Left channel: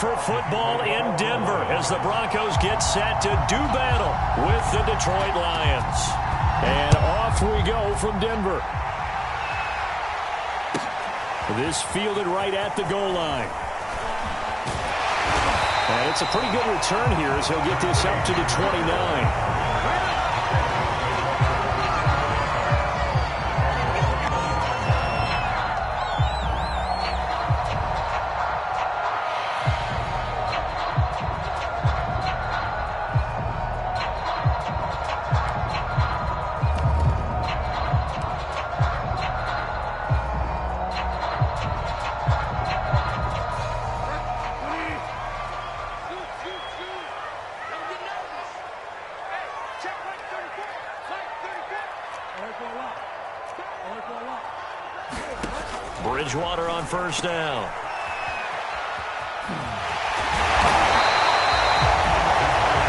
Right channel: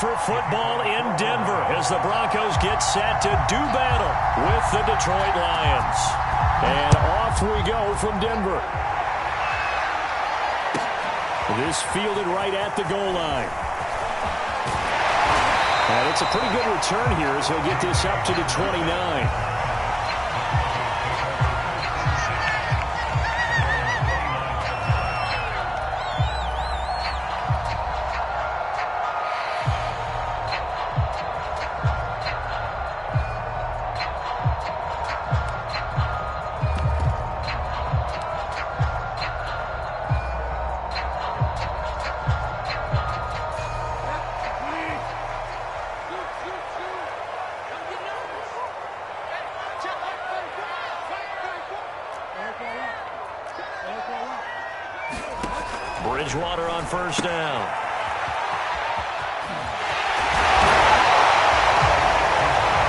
for football in Denver as the Broncos get set to do battle with the Detroit Lions. And off we go from Denver. This fielded right at the goal line. And it's a pretty good return here as he'll get this up to the 29. Bridgewater on first down.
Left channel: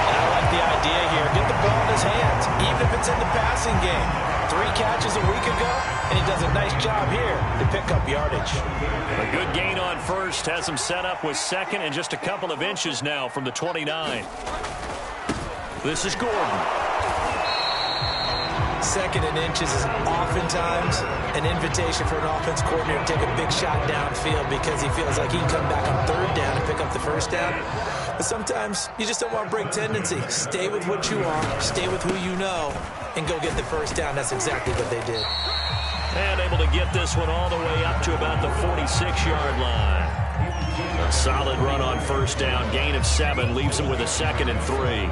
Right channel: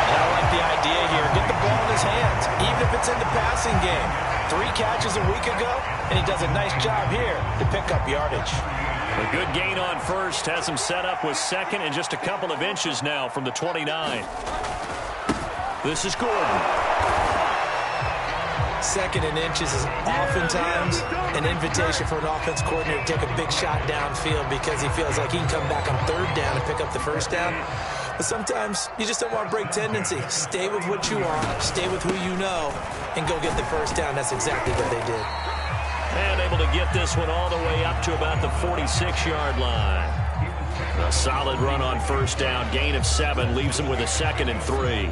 And I like the idea here. Get the ball in his hands, even if it's in the passing game. 3 catches a week ago, and he does a nice job here to pick up yardage. A good gain on first has him set up with second and just a couple of inches now from the 29. This is Gordon. Second and inches is oftentimes an invitation for an offense coordinator to take a big shot downfield because he feels like he can come back on third down and pick up the first down. But sometimes you just don't want to break tendency. Stay with what you are, stay with who you know, and go get the first down. That's exactly what they did. And able to get this one all the way up to about the 46-yard line. A solid run on first down. Gain of 7 leaves him with a 2nd and 3.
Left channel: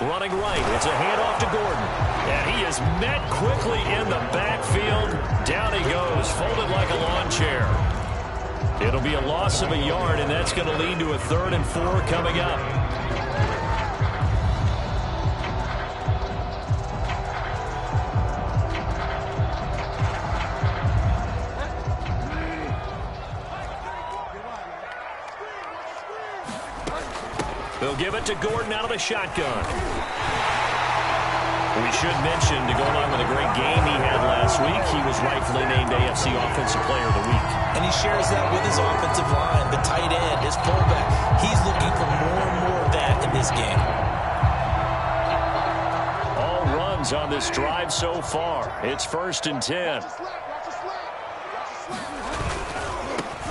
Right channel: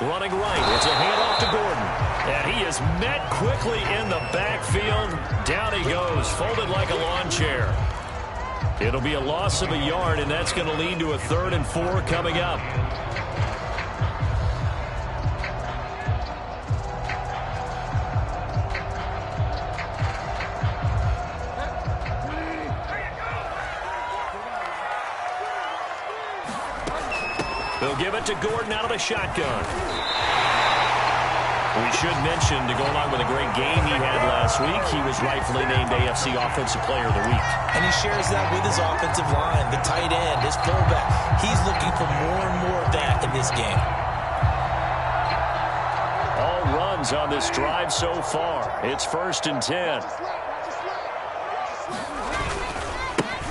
Running right. It's a handoff to Gordon. And he is met quickly in the backfield. Down he goes, folded like a lawn chair. It'll be a loss of a yard, and that's going to lead to a 3rd and 4 coming up. They'll give it to Gordon out of the shotgun. We should mention, to go along with a great game he had last week, he was rightfully named AFC Offensive Player of the Week. And he shares that with his offensive line, the tight end, his fullback. He's looking for more and more of that in this game. All runs on this drive so far. It's 1st and 10.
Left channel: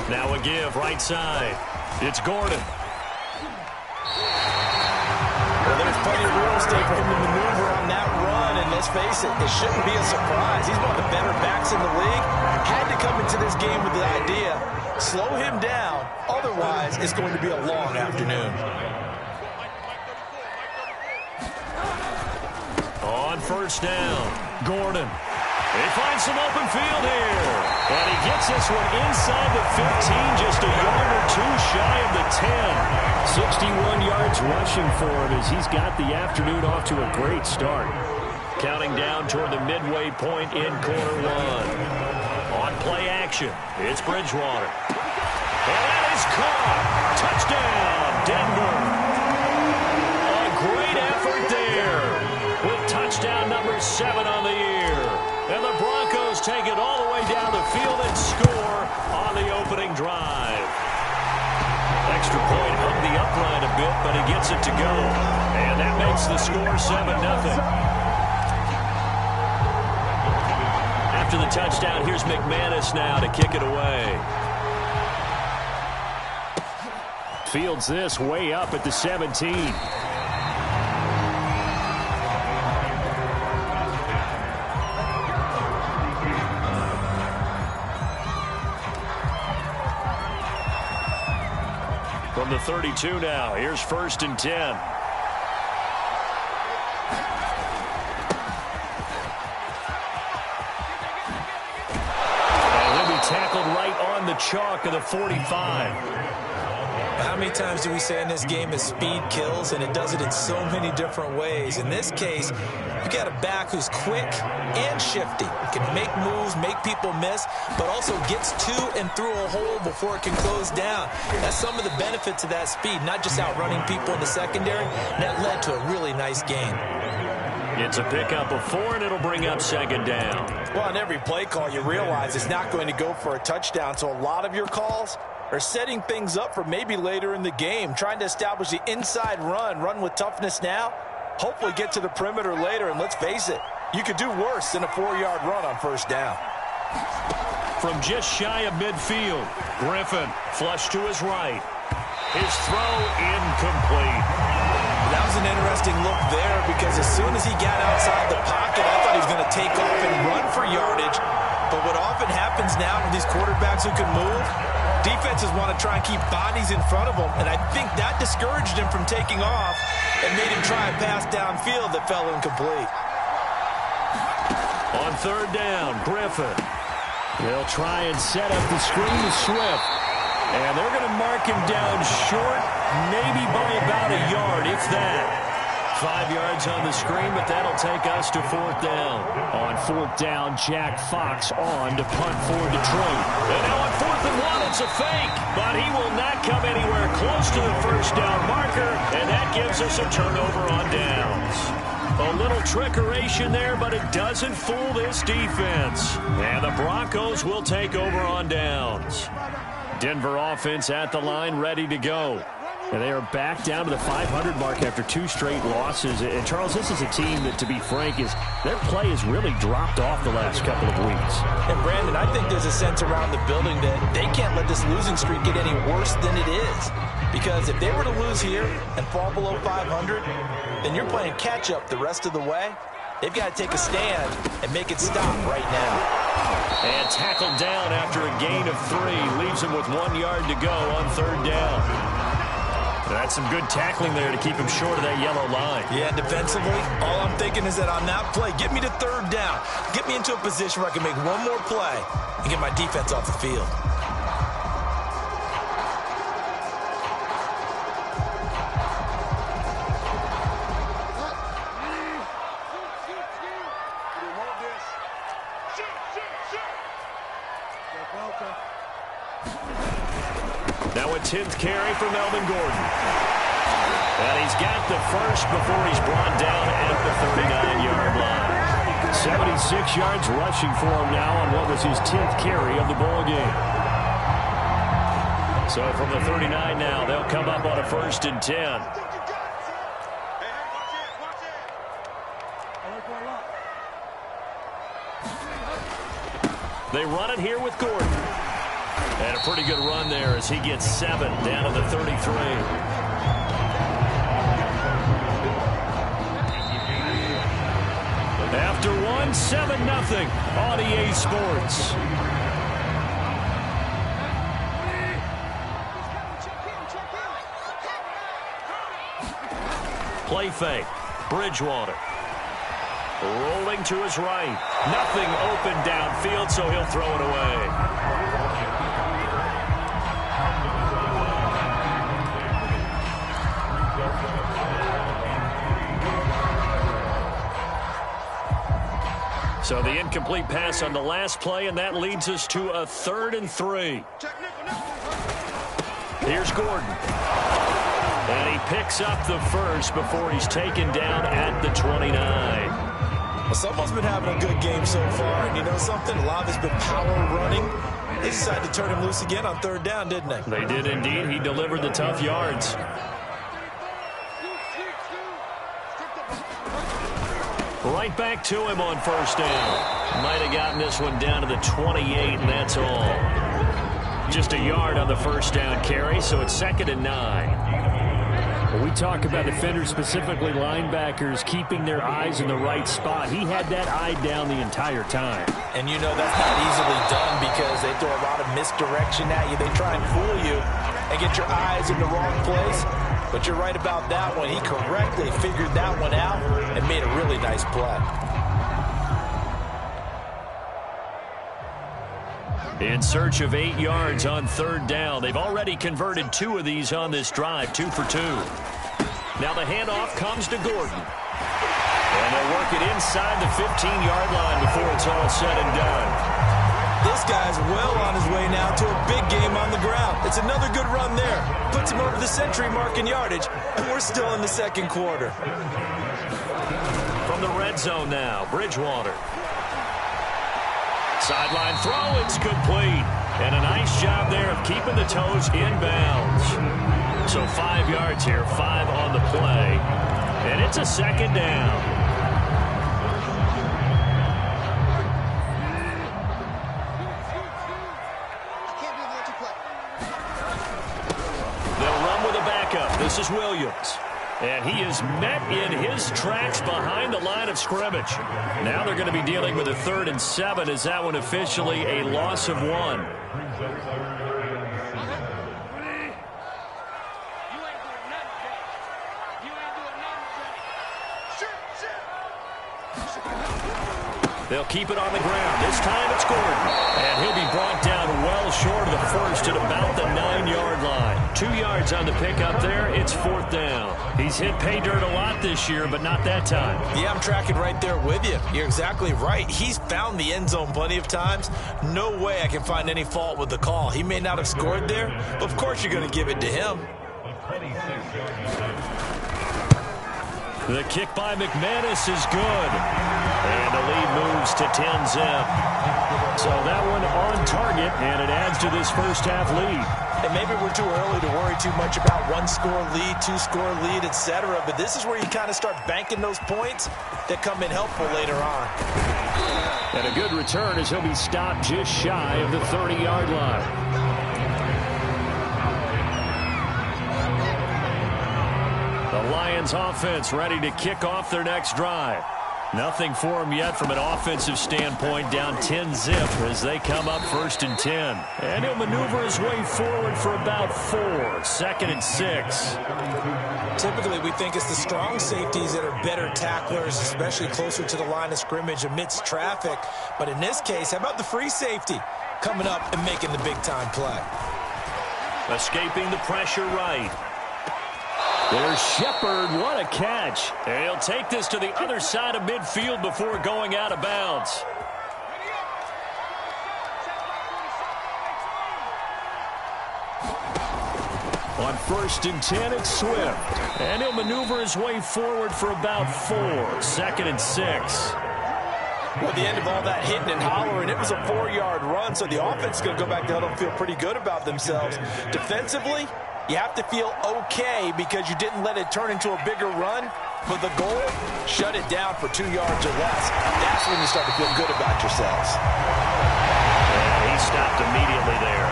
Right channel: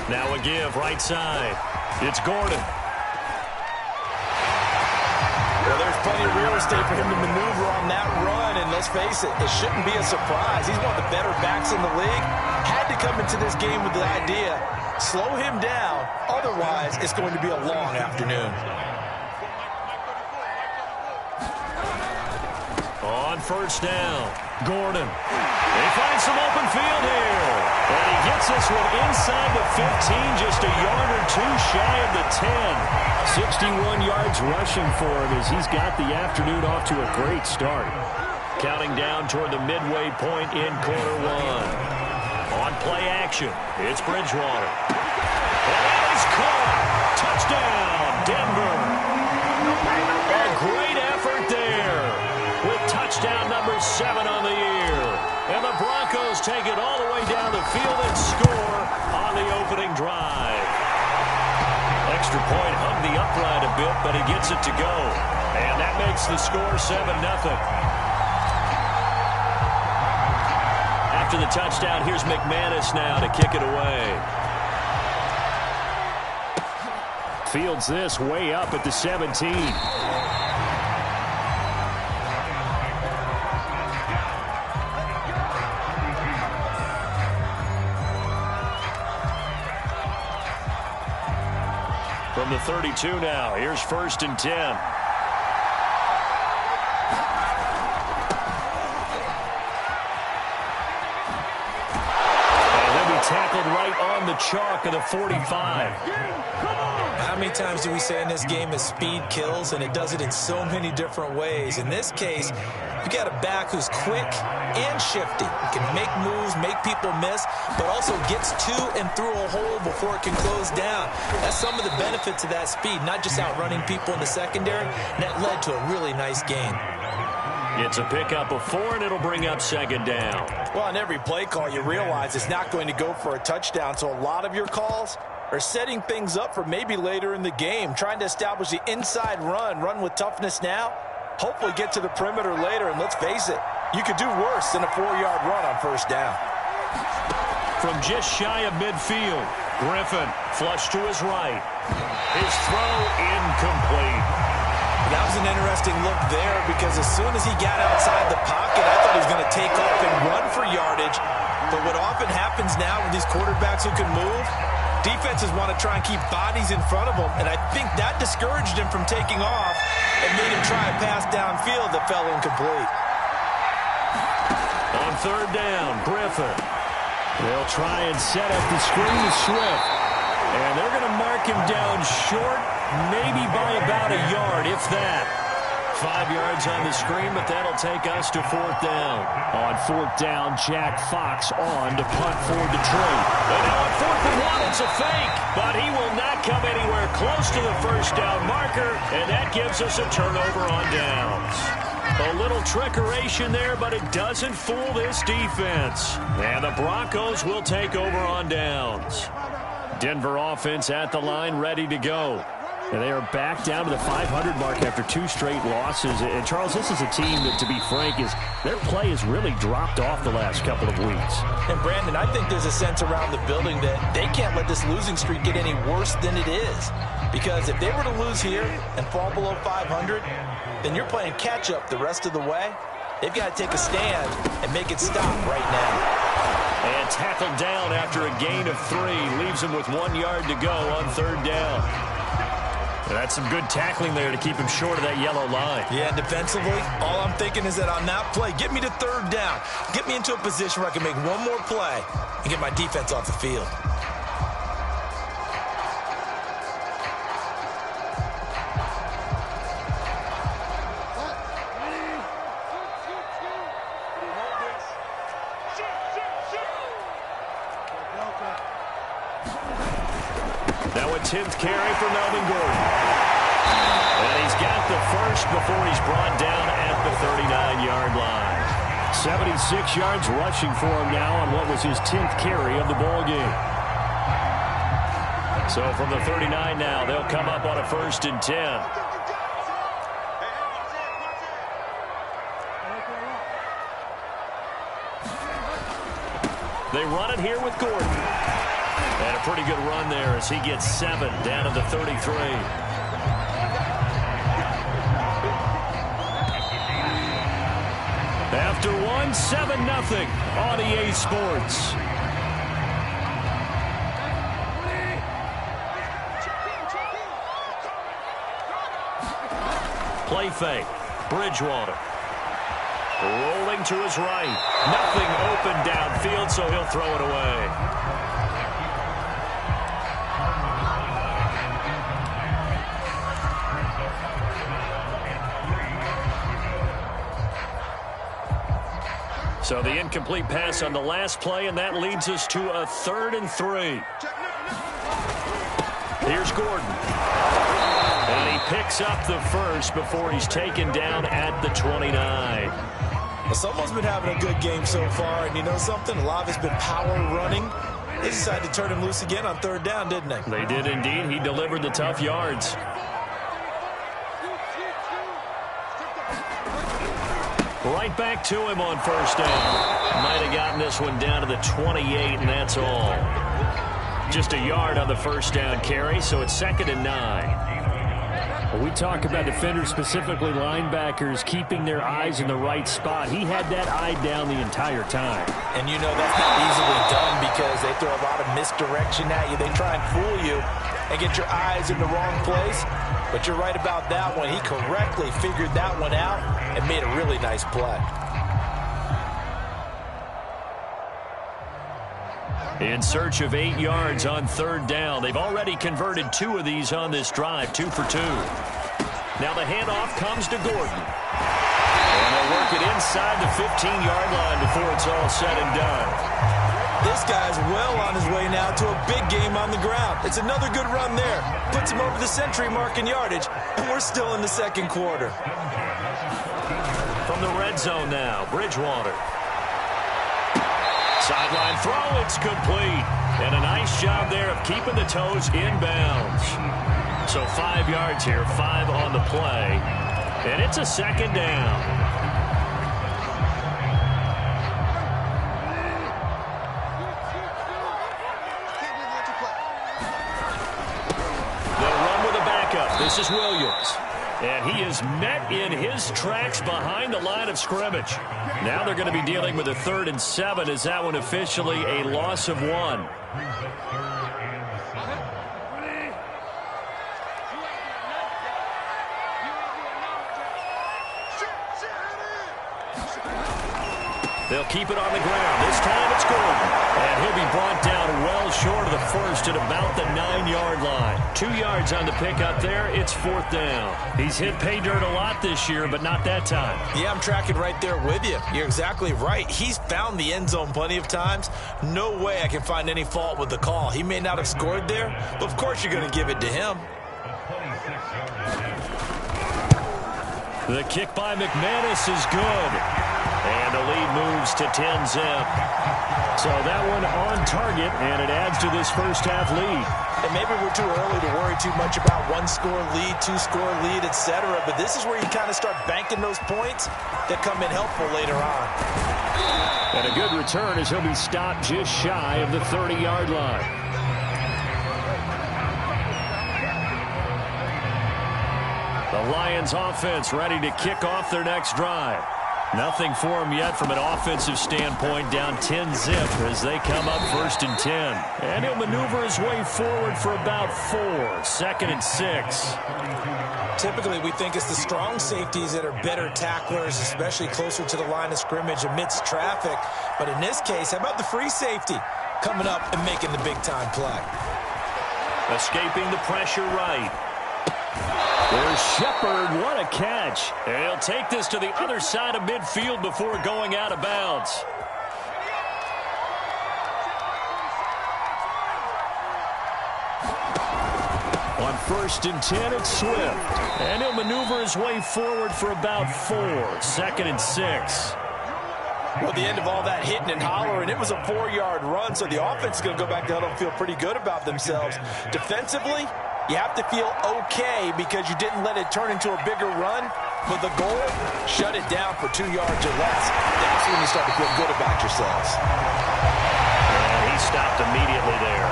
Now a give right side. It's Gordon. Well, there's plenty of real estate for him to maneuver on that run, and let's face it, it shouldn't be a surprise. He's one of the better backs in the league. Had to come into this game with the idea, slow him down, otherwise it's going to be a long afternoon. On first down, Gordon. They find some open field here. And he gets this one inside the 15, just a yard or 2 shy of the 10. 61 yards rushing for him as he's got the afternoon off to a great start. Counting down toward the midway point in quarter 1. On play action, it's Bridgewater. And that is caught. Touchdown, Denver. A great effort there with touchdown number 7 on the year. And the Broncos take it all the way down the field and score on the opening drive. Extra point hung the upright a bit, but he gets it to go. And that makes the score 7-0. After the touchdown, here's McManus now to kick it away. Fields this way up at the 17. From the 32 now, here's 1st and 10. And he'll be tackled right on the chalk of the 45. How many times do we say in this game is speed kills, and it does it in so many different ways. In this case, you got a back who's quick and shifty. Can make moves, make people miss, but also gets to and through a hole before it can close down. That's some of the benefits of that speed, not just outrunning people in the secondary. And that led to a really nice gain. It's a pickup of 4, and it'll bring up second down. Well, on every play call, you realize it's not going to go for a touchdown, so a lot of your calls are setting things up for maybe later in the game, trying to establish the inside run with toughness now, hopefully get to the perimeter later, and let's face it, you could do worse than a 4-yard run on first down. From just shy of midfield, Griffin flushed to his right. His throw incomplete. That was an interesting look there because as soon as he got outside the pocket, I thought he was going to take off and run for yardage. But what often happens now with these quarterbacks who can move, defenses want to try and keep bodies in front of them, and I think that discouraged him from taking off and made him try a pass downfield that fell incomplete. On third down, Griffin. They'll try and set up the screen to Swift. And they're going to mark him down short, maybe by about a yard, if that. 5 yards on the screen, but that'll take us to fourth down. On fourth down, Jack Fox on to punt for Detroit. And now on 4th and 1, it's a fake, but he will not come anywhere close to the first down marker, and that gives us a turnover on downs. A little trickeration there, but it doesn't fool this defense. And the Broncos will take over on downs. Denver offense at the line, ready to go. And they are back down to the 500 mark after 2 straight losses. And, Charles, this is a team that, to be frank, their play has really dropped off the last couple of weeks. And, Brandon, I think there's a sense around the building that they can't let this losing streak get any worse than it is. Because if they were to lose here and fall below 500, then you're playing catch-up the rest of the way. They've got to take a stand and make it stop right now. And tackled down after a gain of 3. Leaves him with 1 yard to go on third down. That's some good tackling there to keep him short of that yellow line. Yeah, and defensively, all I'm thinking is that on that play, get me to third down. Get me into a position where I can make one more play and get my defense off the field. Now a 10th carry for Melvin Gordon. And he's got the first before he's brought down at the 39-yard line. 76 yards rushing for him now on what was his 10th carry of the ball game. So from the 39 now, they'll come up on a 1st and 10. They run it here with Gordon. And a pretty good run there as he gets 7 down to the 33. After 1, 7-0 on EA Sports. Play fake. Bridgewater. Rolling to his right. Nothing open downfield, so he'll throw it away. So the incomplete pass on the last play, and that leads us to a 3rd and 3. Here's Gordon. And he picks up the first before he's taken down at the 29. Well, someone's been having a good game so far, and you know something? A lot of it's been power running. They decided to turn him loose again on 3rd down, didn't they? They did indeed. He delivered the tough yards. Right back to him on 1st down. Might have gotten this one down to the 28, and that's all. Just a yard on the 1st down carry, so it's 2nd and 9. Well, we talk about defenders, specifically linebackers, keeping their eyes in the right spot. He had that eye down the entire time. And you know that's not easily done because they throw a lot of misdirection at you. They try and fool you and get your eyes in the wrong place. But you're right about that one. He correctly figured that one out and made a really nice play. In search of 8 yards on 3rd down. They've already converted 2 of these on this drive, 2 for 2. Now the handoff comes to Gordon. And they'll work it inside the 15-yard line before it's all said and done. This guy's well on his way now to a big game on the ground. It's another good run there. Puts him over the century mark in yardage, and we're still in the 2nd quarter. from the red zone now. Bridgewater. Sideline throw, it's complete. And a nice job there of keeping the toes in bounds. So 5 yards here, 5 on the play. And it's a second down. They'll run with a backup. This is Williams. And he is met in his tracks behind the line of scrimmage. Now they're going to be dealing with a 3rd and 7 as that one officially a loss of 1. They'll keep it on the ground. This time it's Gordon. And he'll be brought down well short of the first at about the 9-yard line. 2 yards on the pickup there. It's 4th down. He's hit pay dirt a lot this year, but not that time. Yeah, I'm tracking right there with you. You're exactly right. He's found the end zone plenty of times. No way I can find any fault with the call. He may not have scored there, but of course you're going to give it to him. The kick by McManus is good. And the lead moves to 10-zip. So that one on target, and it adds to this first-half lead. And maybe we're too early to worry too much about 1-score lead, 2-score lead, etc. But this is where you kind of start banking those points that come in helpful later on. And a good return as he'll be stopped just shy of the 30-yard line. The Lions offense ready to kick off their next drive. Nothing for them yet from an offensive standpoint, down 10-zip as they come up 1st and 10. And he'll maneuver his way forward for about 4, 2nd and 6. Typically, we think it's the strong safeties that are better tacklers, especially closer to the line of scrimmage amidst traffic. But in this case, how about the free safety coming up and making the big-time play? Escaping the pressure right. There's Shepard. What a catch. And he'll take this to the other side of midfield before going out of bounds. On 1st and 10, it's Swift. And he'll maneuver his way forward for about 4, 2nd and 6. Well, at the end of all that hitting and hollering, it was a 4-yard run, so the offense is going to go back to huddle and feel pretty good about themselves. Defensively, you have to feel okay because you didn't let it turn into a bigger run. But the goal, shut it down for 2 yards or less. That's when you start to feel good about yourselves. And he stopped immediately there.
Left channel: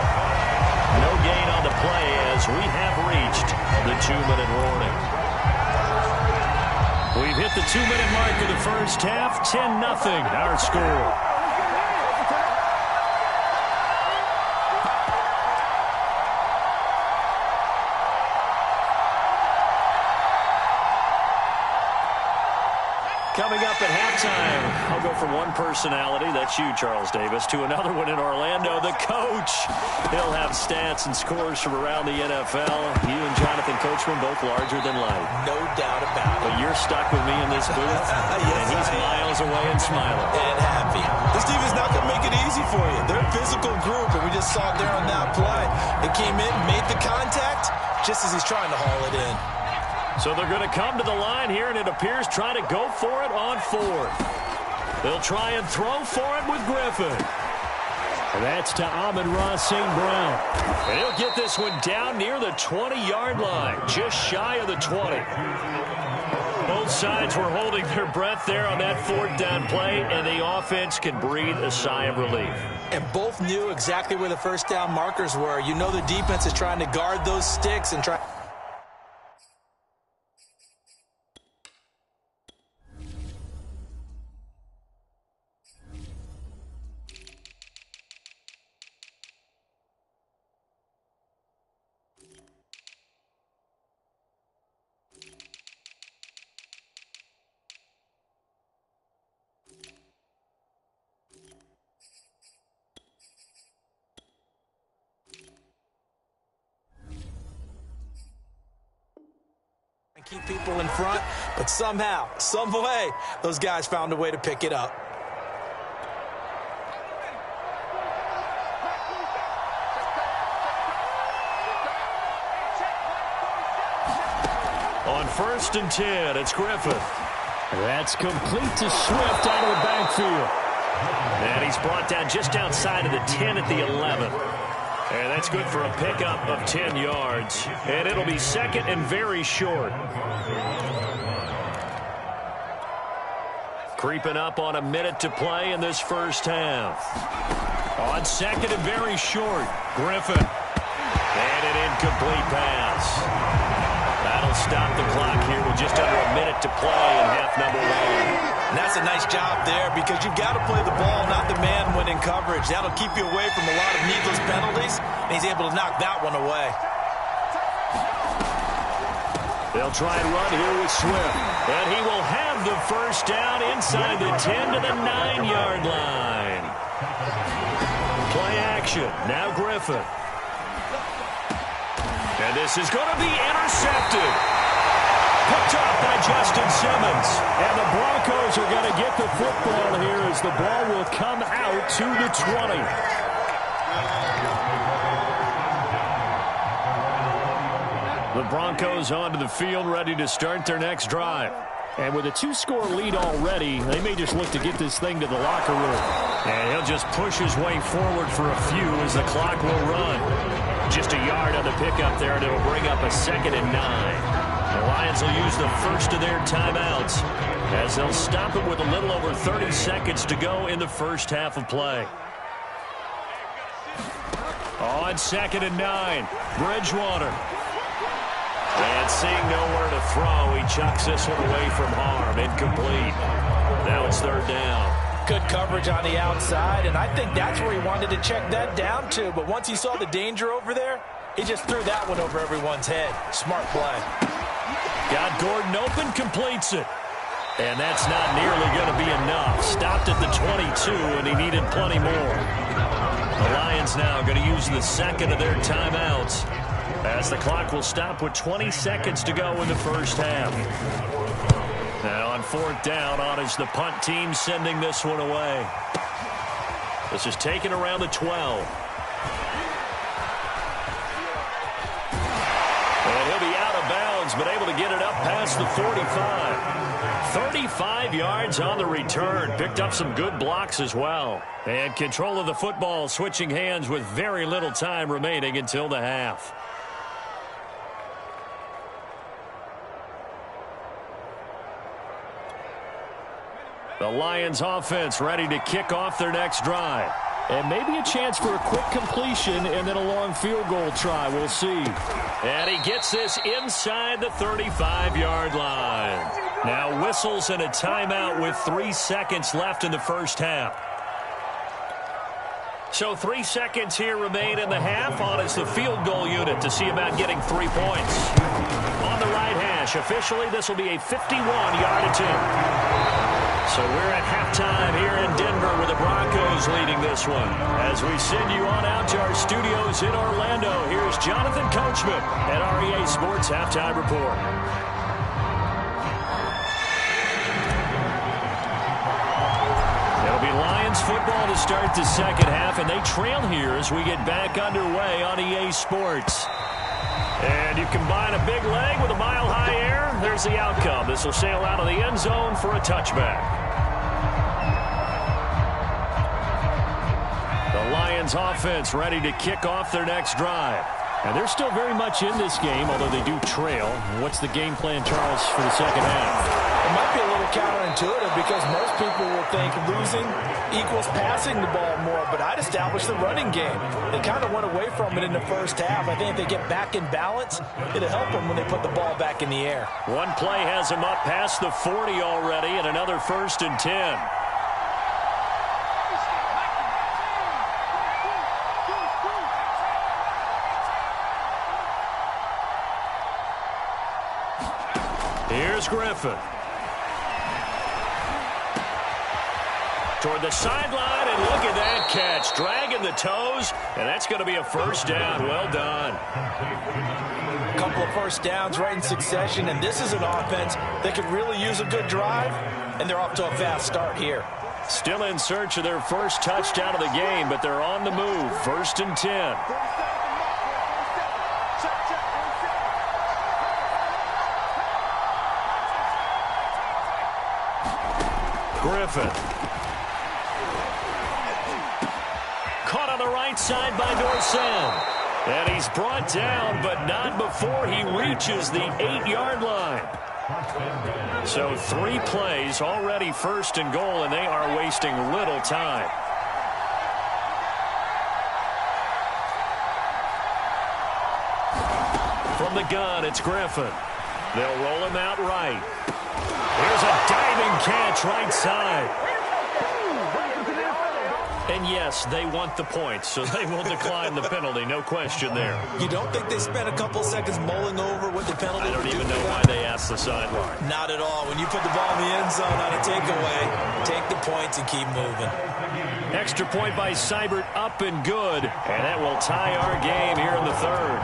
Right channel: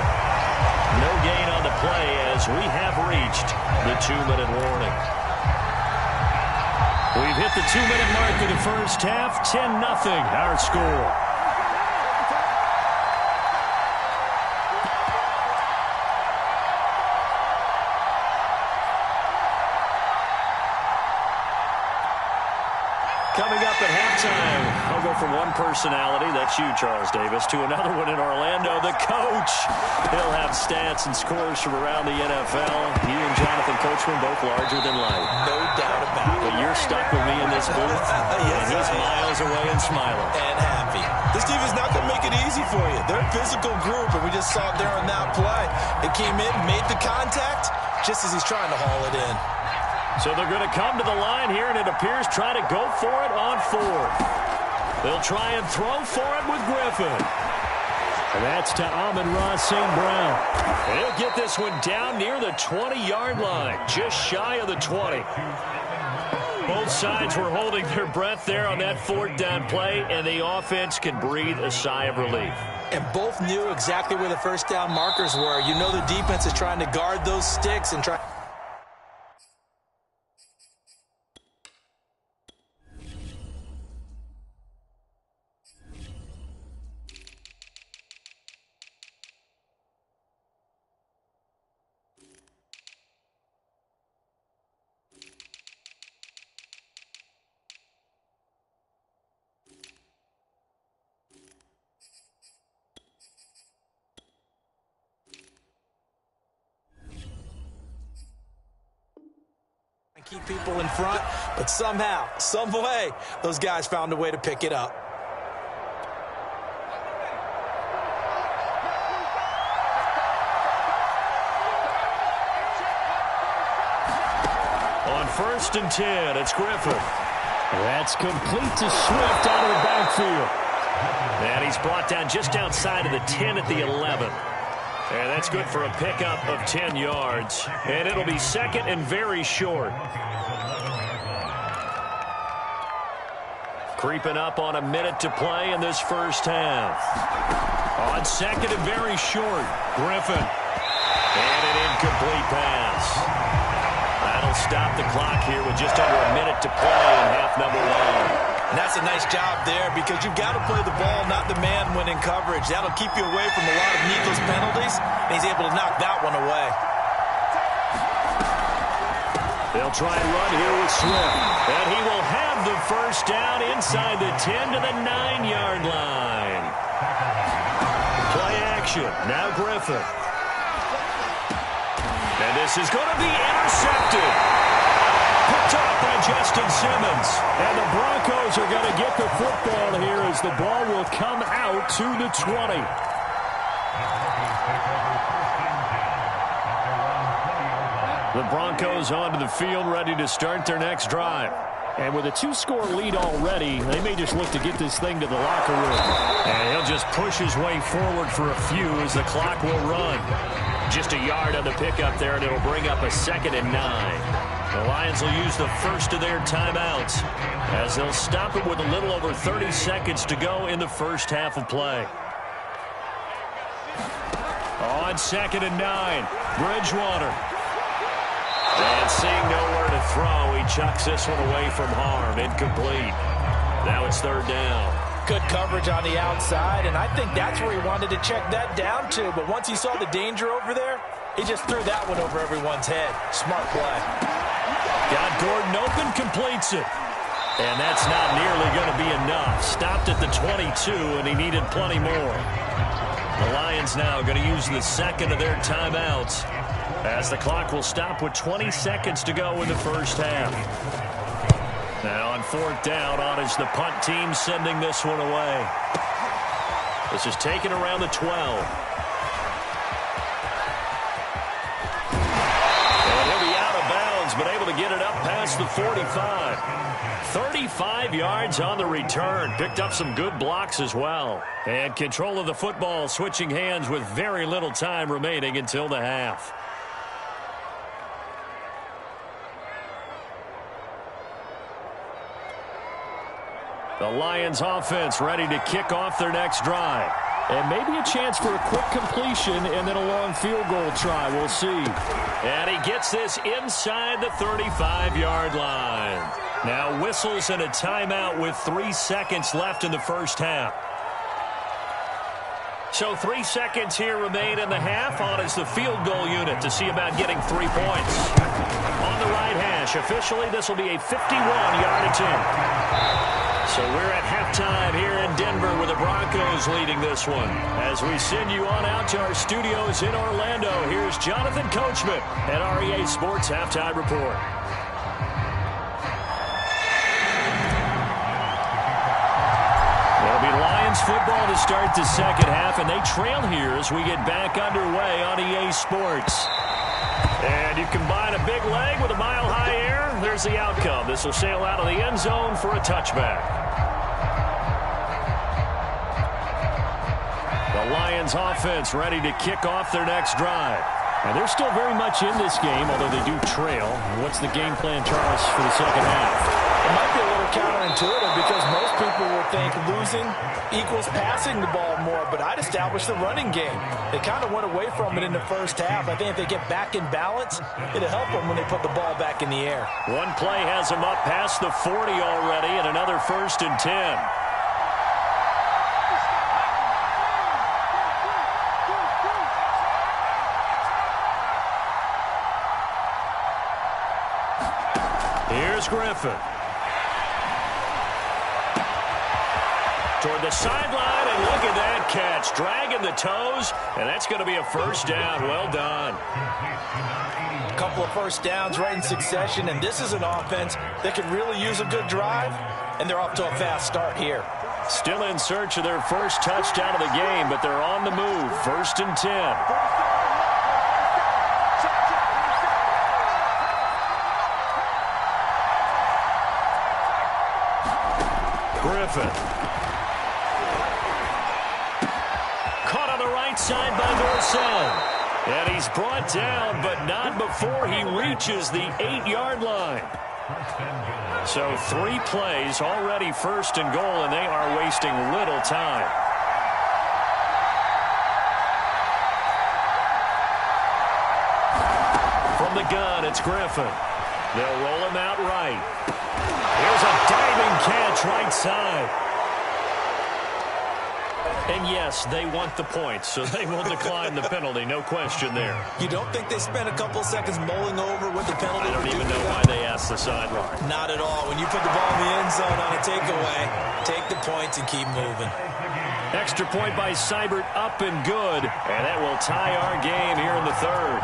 No gain on the play as we have reached the 2-minute warning. We've hit the 2-minute mark of the first half. 10-0 our score. Coming up at halftime, I'll go from one personality, that's you, Charles Davis, to another one in Orlando, the coach. He'll have stats and scores from around the NFL. You and Jonathan Coachman, both larger than life. No doubt about it. But you're stuck with me in this booth, yes, and he's miles away and smiling. And happy. This team is not going to make it easy for you. They're a physical group, and we just saw it there on that play. They came in, made the contact, just as he's trying to haul it in. So they're going to come to the line here, and it appears try to go for it on 4th. They'll try and throw for it with Griffin. And that's to Amon-Ra St. Brown. And he'll get this one down near the 20-yard line, just shy of the 20. Both sides were holding their breath there on that 4th down play, and the offense can breathe a sigh of relief. And both knew exactly where the first down markers were. You know the defense is trying to guard those sticks and try. Keep people in front, but somehow, some way, those guys found a way to pick it up. On 1st and 10, it's Griffin. That's complete to Swift out of the backfield. And he's brought down just outside of the 10 at the 11. And that's good for a pickup of 10 yards. And it'll be second and very short. Creeping up on a minute to play in this first half. On second and very short, Griffin. And an incomplete pass. That'll stop the clock here with just under a minute to play in half number one. And that's a nice job there because you've got to play the ball, not the man when in coverage. That'll keep you away from a lot of needless penalties, and he's able to knock that one away. They'll try and run here with Swift. And he will have the first down inside the 10 to the 9-yard line. Play action. Now Griffin. And this is going to be intercepted. Picked off by Justin Simmons. And the Broncos are going to get the football here as the ball will come out to the 20. The Broncos onto the field, ready to start their next drive. And with a 2-score lead already, they may just look to get this thing to the locker room. And he'll just push his way forward for a few as the clock will run. Just a yard on the pickup there, and it'll bring up a 2nd and 9. The Lions will use the first of their timeouts as they'll stop it with a little over 30 seconds to go in the first half of play. On 2nd and 9, Bridgewater. And seeing nowhere to throw, he chucks this one away from harm. Incomplete. Now it's 3rd down. Good coverage on the outside, and I think that's where he wanted to check that down to. But once he saw the danger over there, he just threw that one over everyone's head. Smart play. Got Gordon open, completes it. And that's not nearly going to be enough. Stopped at the 22, and he needed plenty more. The Lions now going to use the second of their timeouts as the clock will stop with 20 seconds to go in the first half. And on 4th down, on is the punt team sending this one away. This is taken around the 12. And he'll be out of bounds, but able to get it up past the 45. 35 yards on the return. Picked up some good blocks as well. And control of the football switching hands with very little time remaining until the half. The Lions offense ready to kick off their next drive. And maybe a chance for a quick completion and then a long field goal try. We'll see. And he gets this inside the 35-yard line. Now whistles and a timeout with 3 seconds left in the first half. So 3 seconds here remain in the half. On is the field goal unit to see about getting 3 points. On the right hash, officially this will be a 51-yard attempt. So we're at halftime here in Denver with the Broncos leading this one. As we send you on out to our studios in Orlando, here's Jonathan Coachman at REA Sports Halftime Report. It'll be Lions football to start the second half, and they trail here as we get back underway on EA Sports. And you combine a big leg with a mile-high air, there's the outcome. This will sail out of the end zone for a touchback. The Lions offense ready to kick off their next drive. And they're still very much in this game, although they do trail. What's the game plan, Charles, for the second half? It might be a little counterintuitive because most people will think losing equals passing the ball more, but I'd establish the running game. They kind of went away from it in the first half. I think if they get back in balance, it'll help them when they put the ball back in the air. One play has them up past the 40 already, and another 1st and 10. Here's Griffin. Toward the sideline, and look at that catch. Dragging the toes, and that's going to be a first down. Well done. A couple of first downs right in succession, and this is an offense that could really use a good drive, and they're off to a fast start here. Still in search of their first touchdown of the game, but they're on the move. 1st and 10. Griffin. Caught on the right side by Dorsett. And he's brought down, but not before he reaches the 8-yard line. So 3 plays, already 1st and goal, and they are wasting little time. From the gun, it's Griffin. They'll roll him out right. Here's a diving catch right side. And yes, they want the points, so they will decline the penalty, no question there. You don't think they spent a couple seconds mulling over what the penalty I don't even know why they asked the sideline. Not at all. When you put the ball in the end zone on a takeaway, take the points and keep moving. Extra point by Seibert, up and good. And that will tie our game here in the 3rd.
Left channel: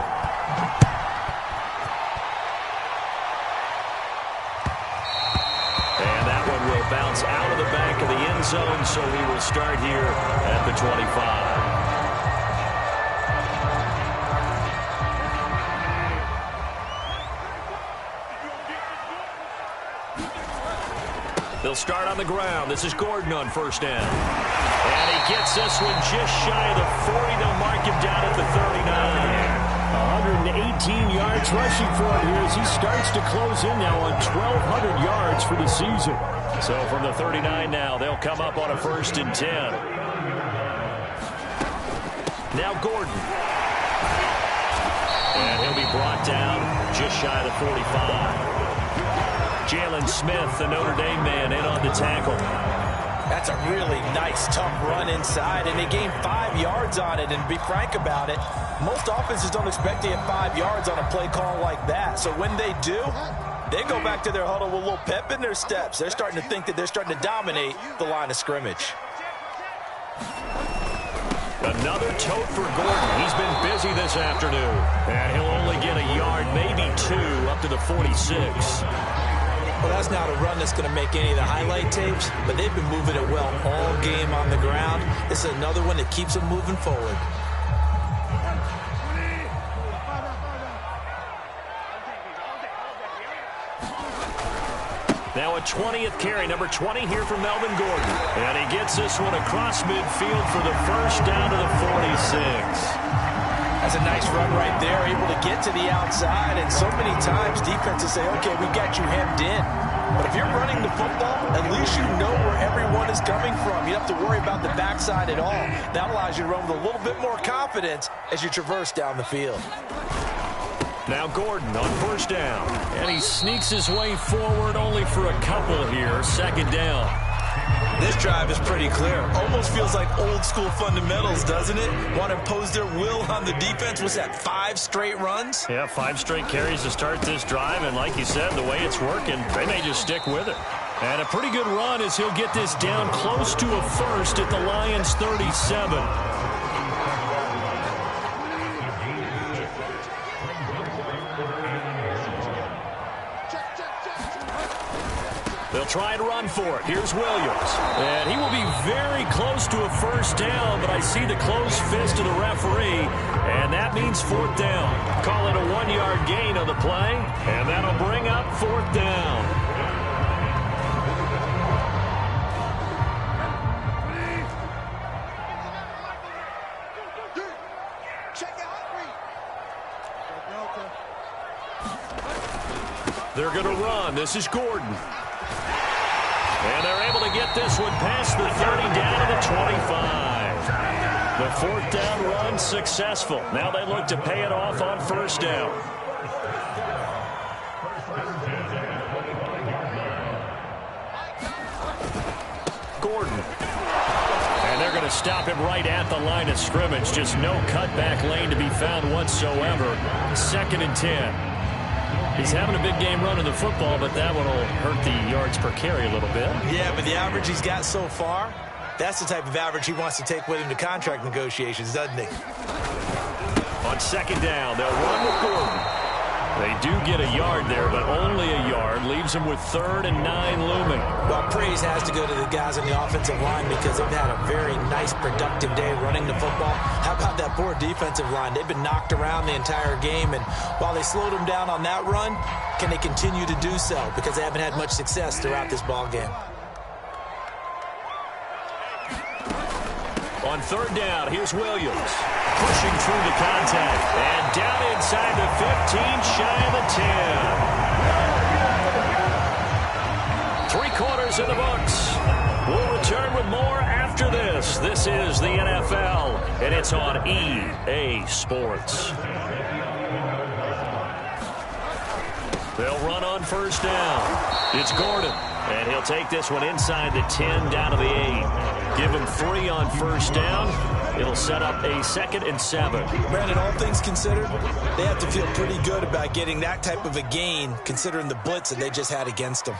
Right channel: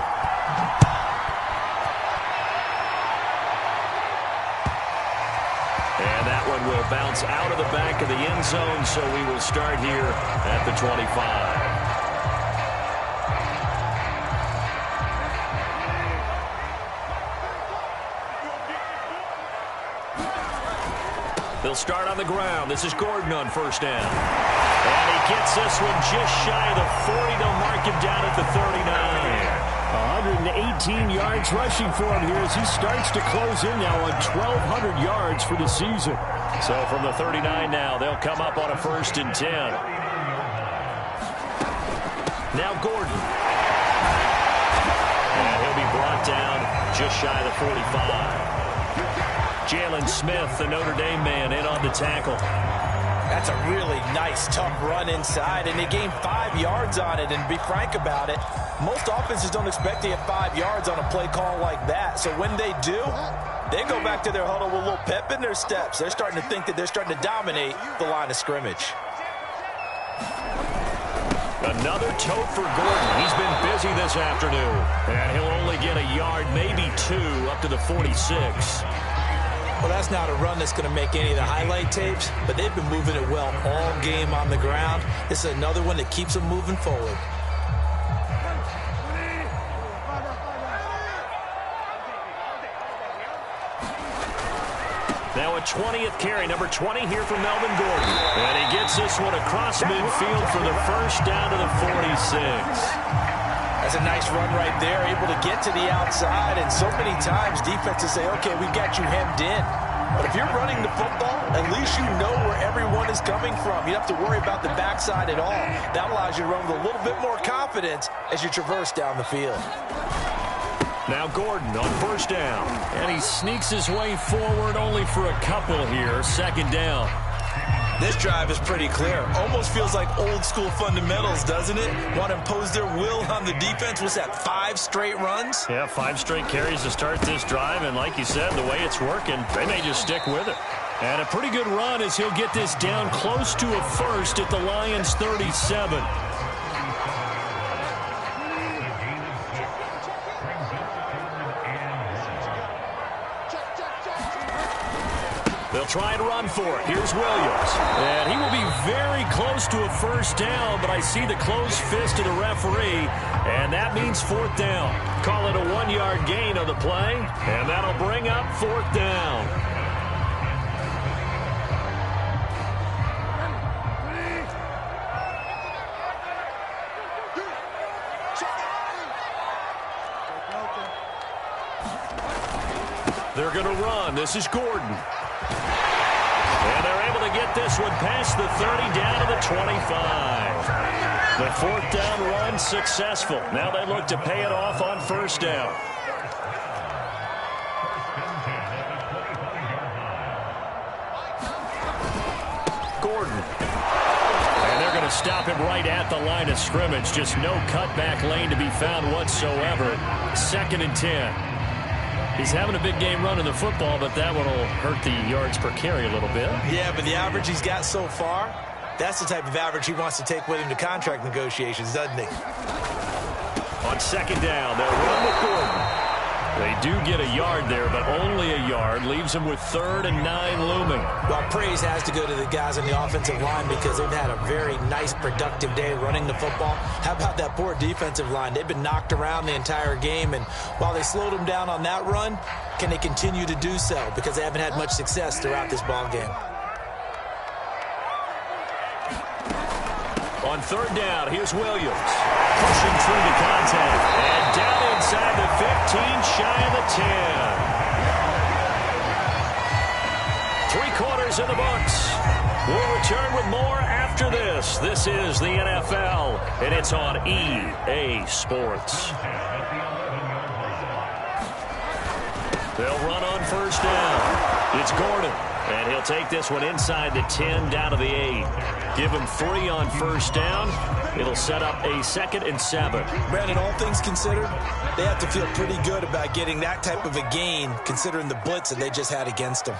And that one will bounce out of the back of the end zone, so we will start here at the 25. They'll start on the ground. This is Gordon on 1st down. And he gets this one just shy of the 40. They'll mark him down at the 39. 118 yards rushing for him here as he starts to close in now on 1,200 yards for the season. So from the 39 now, they'll come up on a 1st and 10. Now Gordon. And he'll be brought down just shy of the 45. Jalen Smith, the Notre Dame man, in on the tackle. That's a really nice, tough run inside, and they gained 5 yards on it. And to be frank about it, most offenses don't expect to get 5 yards on a play call like that. So when they do, they go back to their huddle with a little pep in their steps. They're starting to think that they're starting to dominate the line of scrimmage. Another tote for Gordon. He's been busy this afternoon. And he'll only get a yard, maybe 2, up to the 46. Well, that's not a run that's going to make any of the highlight tapes, but they've been moving it well all game on the ground. This is another one that keeps them moving forward. Now a 20th carry, number 20 here for Melvin Gordon. And he gets this one across midfield for the 1st down to the 46. That's a nice run right there, able to get to the outside. And so many times defenses say, okay, we got you hemmed in. But if you're running the football, at least you know where everyone is coming from. You don't have to worry about the backside at all. That allows you to run with a little bit more confidence as you traverse down the field. Now Gordon on 1st down. And he sneaks his way forward only for a couple here. 2nd down. This drive is pretty clear. Almost feels like old school fundamentals, doesn't it? Want to impose their will on the defense. Was that 5 straight runs? Yeah, 5 straight carries to start this drive. And like you said, the way it's working, they may just stick with it. And a pretty good run as he'll get this down close to a 1st at the Lions' 37. They'll try and run for it. Here's Williams. And he will be very close to a 1st down, but I see the closed fist of the referee, and that means 4th down. Call it a 1-yard gain on the play, and that'll bring up 4th down. They're going to run. This is Gordon. And they're able to get this one past the 30 down to the 25. The 4th down run successful. Now they look to pay it off on 1st down. Gordon. And they're going to stop him right at the line of scrimmage. Just no cutback lane to be found whatsoever. 2nd and 10. He's having a big game running the football, but that one will hurt the yards per carry a little bit. Yeah, but the average he's got so far, that's the type of average he wants to take with him to contract negotiations, doesn't he? On 2nd down, they'll run with Gordon. They do get a yard there, but only a yard. Leaves them with 3rd and 9 looming. Well, praise has to go to the guys on the offensive line because they've had a very nice, productive day running the football. How about that poor defensive line? They've been knocked around the entire game, and while they slowed them down on that run, can they continue to do so? Because they haven't had much success throughout this ball game. On third down, here's Williams. Pushing through the contact. And down inside the 15, shy of the 10. 3 quarters in the books. We'll return with more after this. This is the NFL, and it's on EA Sports. They'll run on first down. It's Gordon, and he'll take this one inside the 10 down to the 8. Give him 3 on first down. It'll set up a 2nd and 7. Brandon, all things considered, they have to feel pretty good about getting that type of a gain, considering the blitz that they just had against them.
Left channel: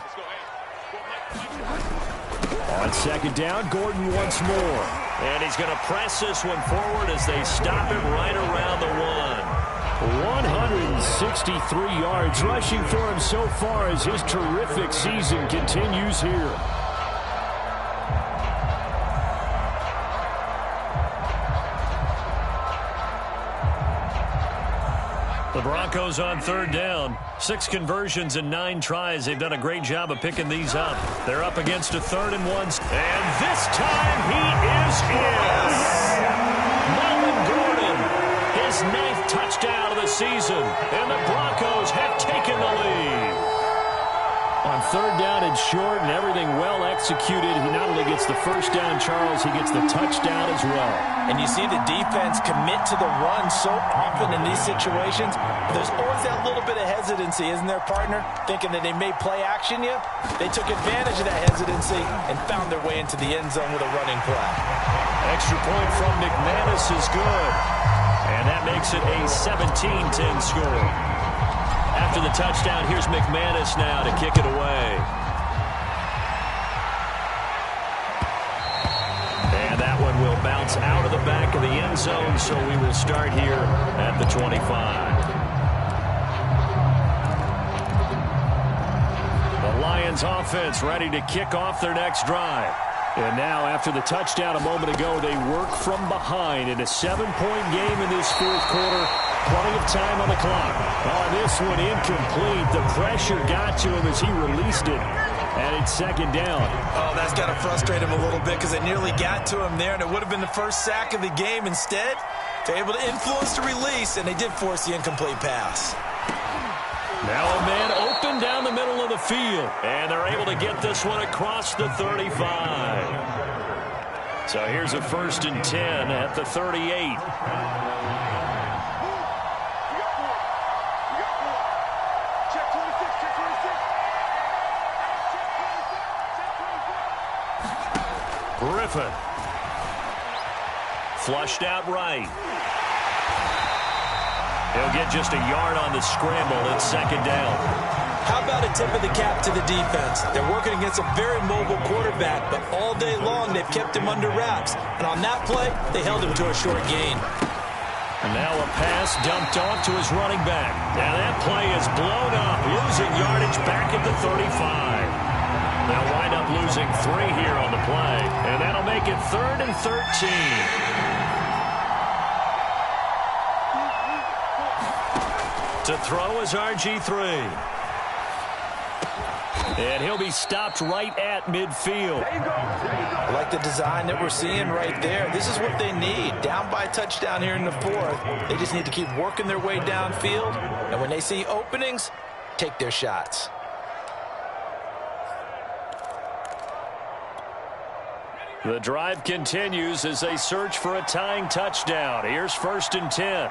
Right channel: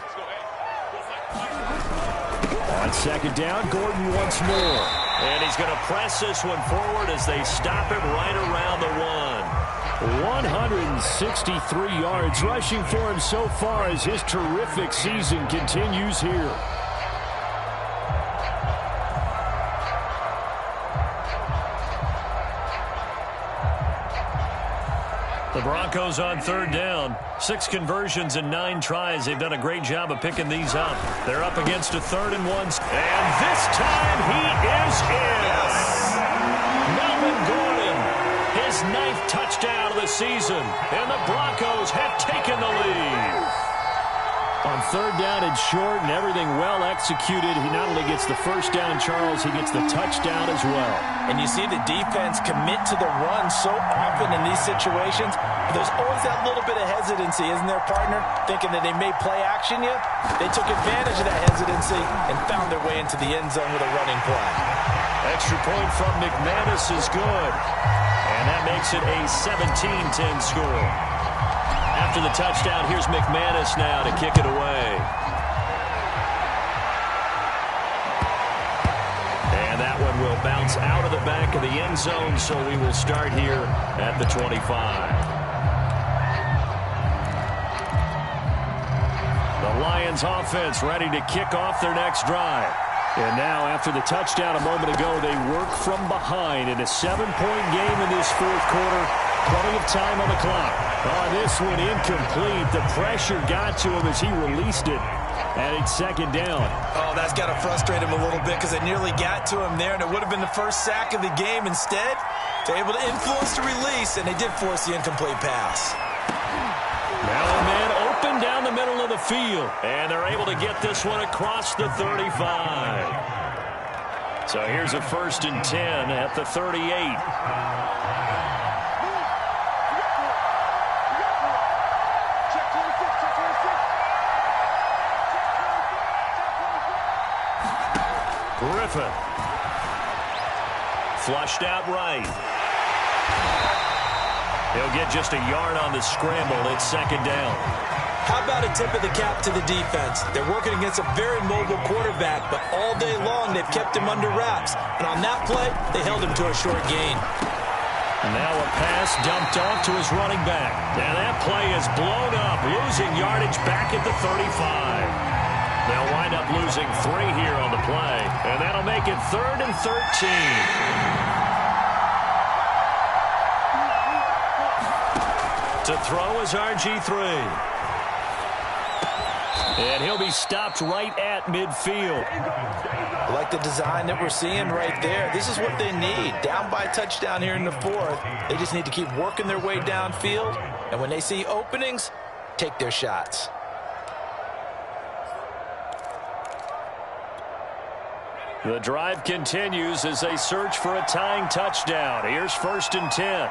On 2nd down, Gordon once more. And he's going to press this one forward as they stop him right around the 1. 163 yards rushing for him so far as his terrific season continues here. The Broncos on third down. 6 conversions and 9 tries. They've done a great job of picking these up. They're up against a 3rd and 1. And this time he is in. Melvin Gordon, his 9th touchdown of the season. And the Broncos have taken the lead. On third down and short and everything well executed, he not only gets the first down, Charles, he gets the touchdown as well. And you see the defense commit to the run so often in these situations. There's always that little bit of hesitancy, isn't there, partner? Thinking that they may play action you. They took advantage of that hesitancy and found their way into the end zone with a running play. Extra point from McManus is good. And that makes it a 17-10 score. After the touchdown, here's McManus now to kick it away. And that one will bounce out of the back of the end zone, so we will start here at the 25. The Lions offense ready to kick off their next drive. And now, after the touchdown a moment ago, they work from behind in a 7-point game in this 4th quarter. Plenty of time on the clock. Oh, this one incomplete. The pressure got to him as he released it. And it's 2nd down. Oh, that's got to frustrate him a little bit because it nearly got to him there, and it would have been the first sack of the game. Instead, they're able to influence the release, and they did force the incomplete pass. Now a man open down the middle of the field. And they're able to get this one across the 35. So here's a 1st and 10 at the 38. Griffin. Flushed out right. He'll get just a yard on the scramble. It's 2nd down. How about a tip of the cap to the defense? They're working against a very mobile quarterback, but all day long they've kept him under wraps. And on that play, they held him to a short gain. And now a pass dumped off to his running back. Now that play is blown up, losing yardage back at the 35. They'll wind up losing 3 here on the play, and that'll make it 3rd and 13. To throw is RG3. And he'll be stopped right at midfield. I like the design that we're seeing right there. This is what they need. Down by a touchdown here in the 4th. They just need to keep working their way downfield. And when they see openings, take their shots. The drive continues as they search for a tying touchdown. Here's 1st and 10.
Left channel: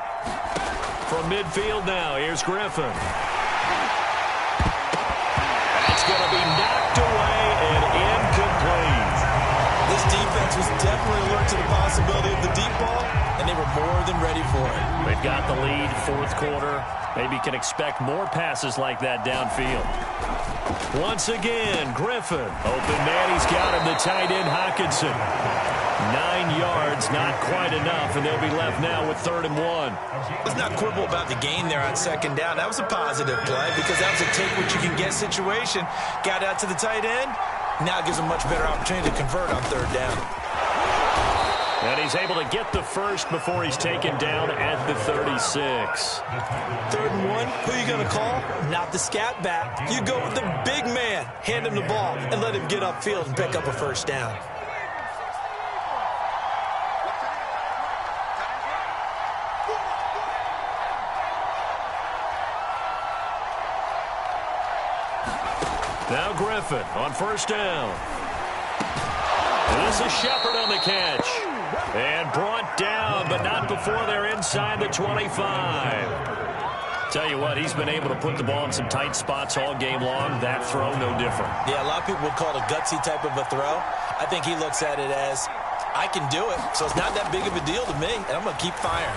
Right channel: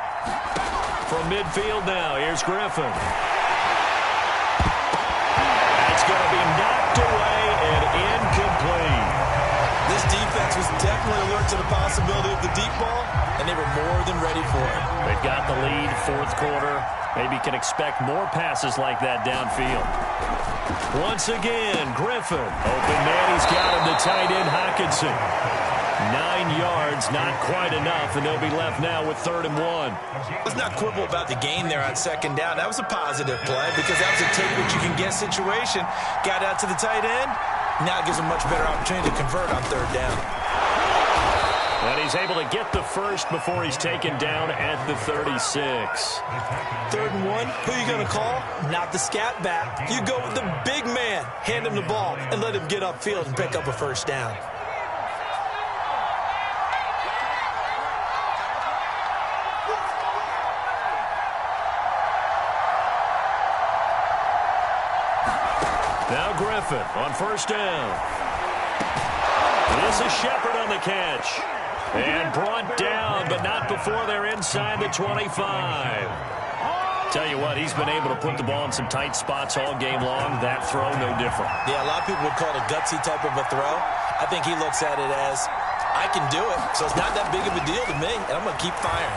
From midfield now, here's Griffin. That's going to be knocked away and incomplete. This defense was definitely alert to the possibility of the deep ball, and they were more than ready for it. They've got the lead, 4th quarter. Maybe can expect more passes like that downfield. Once again, Griffin. Open man, he's got him, the tight end Hockenson. 9 yards, not quite enough, and they'll be left now with 3rd and 1. Let's not quibble about the gain there on 2nd down. That was a positive play because that was a take-what-you-can-get situation. Got out to the tight end. Now it gives him much better opportunity to convert on 3rd down. And he's able to get the first before he's taken down at the 36. 3rd and 1, who are you going to call? Not the scat back. You go with the big man. Hand him the ball and let him get upfield and pick up a 1st down. Now Griffin on first down. This is Shepard on the catch. And brought down, but not before they're inside the 25. Tell you what, he's been able to put the ball in some tight spots all game long. That throw, no different. Yeah, a lot of people would call it a gutsy type of a throw. I think he looks at it as, I can do it, so it's not that big of a deal to me, and I'm going to keep firing.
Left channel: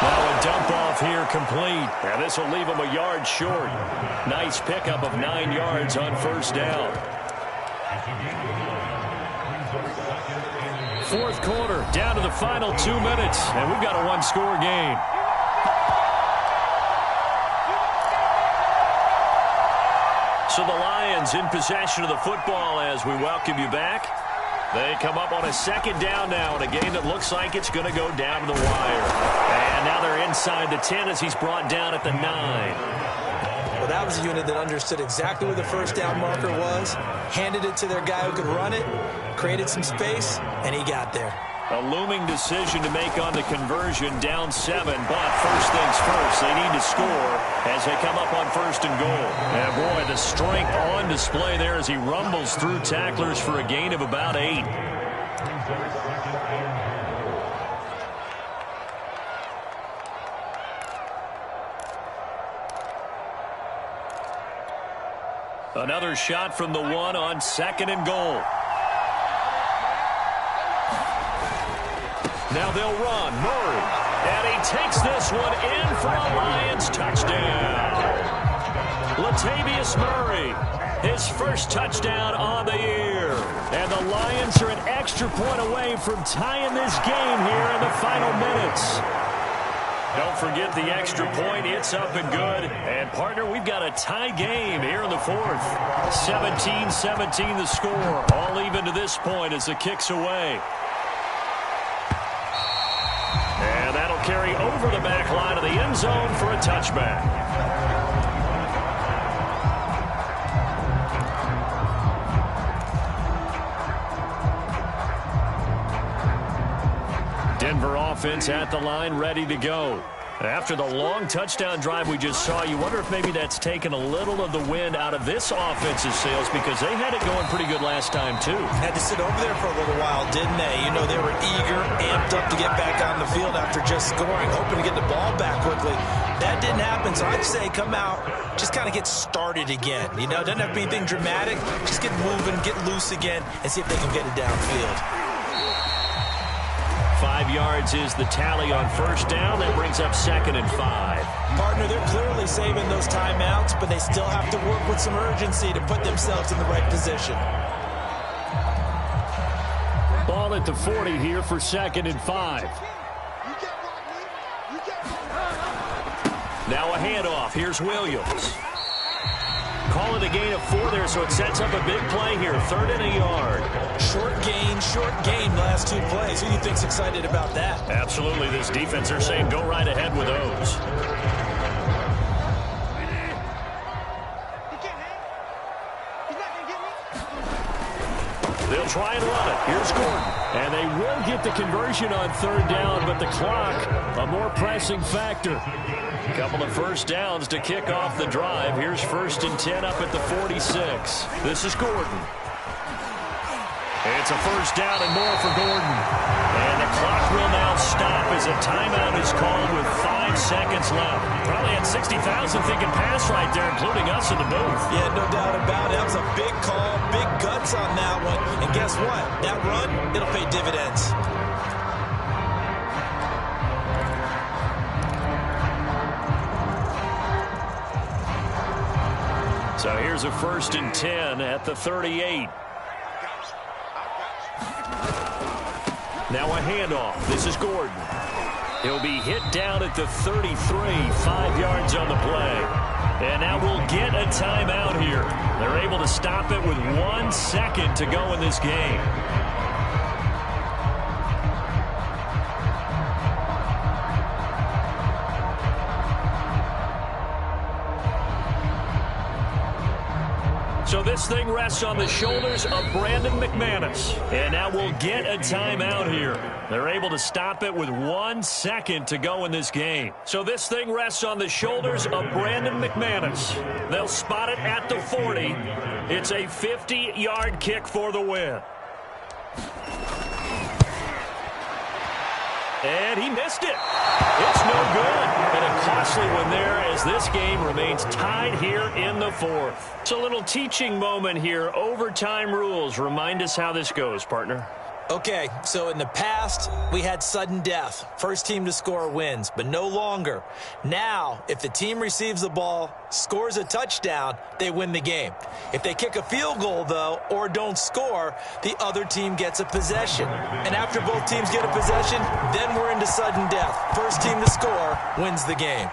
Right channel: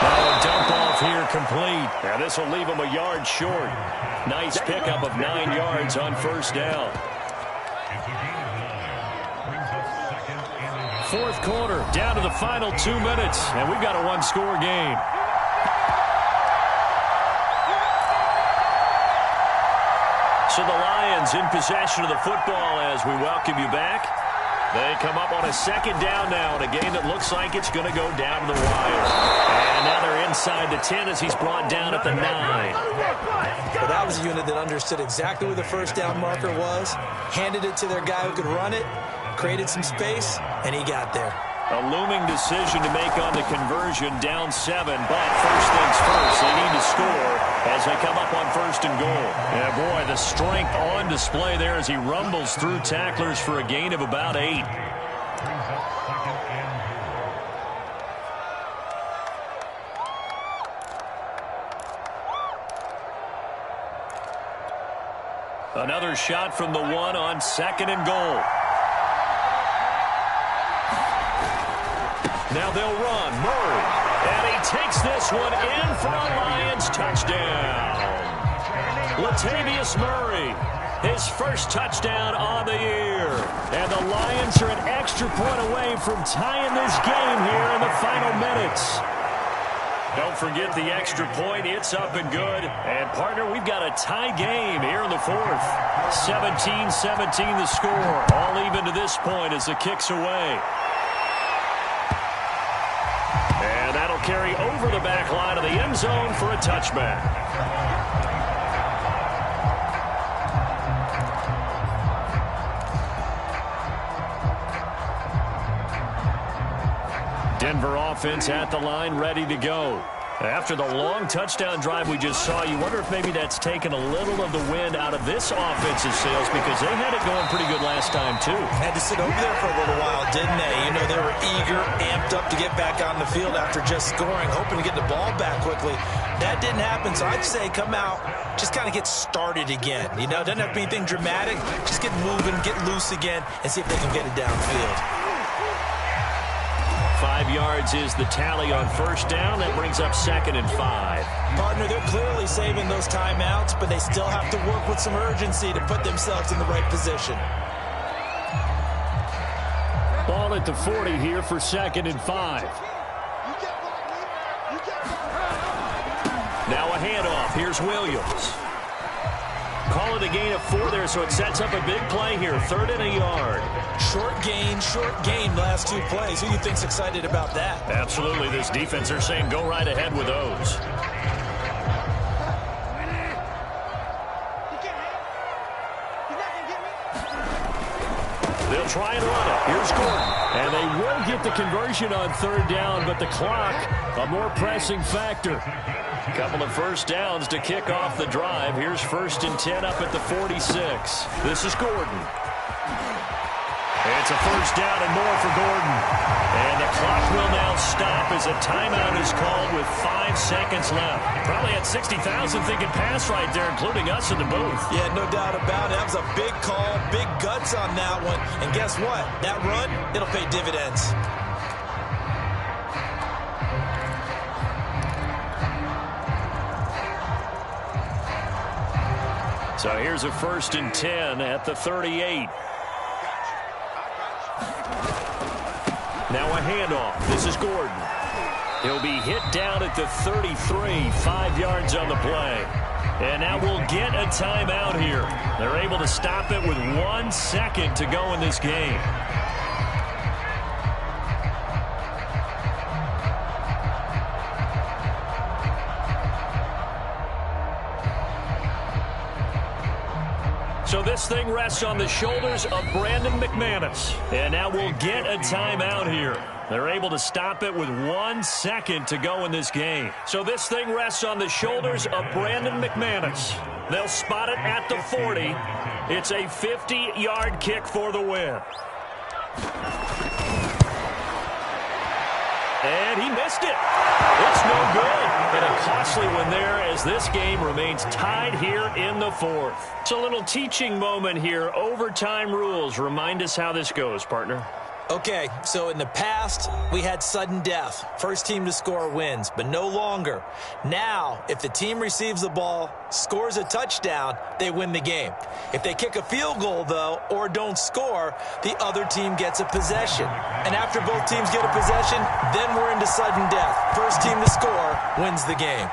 Now a dump off here complete. Now this will leave him a yard short. Nice pickup of 9 yards on first down. Fourth quarter, down to the final 2 minutes, and we've got a one-score game. So the Lions in possession of the football as we welcome you back. They come up on a second down now in a game that looks like it's going to go down to the wire. And now they're inside the 10 as he's brought down at the 9. Well, that was a unit that understood exactly where the first down marker was, handed it to their guy who could run it, created some space, and he got there. A looming decision to make on the conversion, down 7, but first things first, they need to score as they come up on first and goal. And boy, the strength on display there as he rumbles through tacklers for a gain of about 8. Another shot from the 1 on second and goal. Now they'll run. Murray. And he takes this one in for a Lions touchdown. Latavius Murray, his first touchdown on the year. And the Lions are an extra point away from tying this game here in the final minutes. Don't forget the extra point. It's up and good. And, partner, we've got a tie game here in the fourth. 17-17 the score. All even to this point as the kick's away. And that'll carry over the back line of the end zone for a touchback. Denver offense at the line, ready to go. After the long touchdown drive we just saw, you wonder if maybe that's taken a little of the wind out of this offensive sails because they had it going pretty good last time, too. Had to sit over there for a little while, didn't they? You know, they were eager, amped up to get back on the field after just scoring, hoping to get the ball back quickly. That didn't happen, so I'd say come out, just kind of get started again. You know, doesn't have to be anything dramatic. Just get moving, get loose again, and see if they can get it downfield. 5 yards is the tally on first down. That brings up second and 5. Partner, they're clearly saving those timeouts, but they still have to work with some urgency to put themselves in the right position. Ball at the 40 here for second and 5. Now a handoff. Here's Williams. Call it a gain of 4 there, so it sets up a big play here. 3rd and a yard. Short gain last 2 plays. Who do you think's excited about that? Absolutely. This defense, they're saying go right ahead with those. They'll try and run it. Here's Gordon. And they will get the conversion on 3rd down, but the clock, a more pressing factor. Couple of first downs to kick off the drive. Here's 1st and 10 up at the 46. This is Gordon. It's a first down and more for Gordon. And the clock will now stop as a timeout is called with 5 seconds left. Probably had 60,000 thinking pass right there, including us in the booth. Yeah, no doubt about it. That was a big call, big guts on that one. And guess what? That run, it'll pay dividends. So here's a 1st and 10 at the 38. Now a handoff. This is Gordon. He'll be hit down at the 33, 5 yards on the play. And now we'll get a timeout here. They're able to stop it with 1 second to go in this game. So this thing rests on the shoulders of Brandon McManus. And now we'll get a timeout here. They're able to stop it with 1 second to go in this game. So this thing rests on the shoulders of Brandon McManus. They'll spot it at the 40. It's a 50-yard kick for the win. And he missed it. It's no good. And a costly one there as this game remains tied here in the fourth. It's a little teaching moment here. Overtime rules. Remind us how this goes, partner. Okay, so in the past, we had sudden death. First team to score wins, but no longer. Now, if the team receives the ball, scores a touchdown, they win the game. If they kick a field goal, though, or don't score, the other team gets a possession. And after both teams get a possession, then we're into sudden death. First team to score wins the game.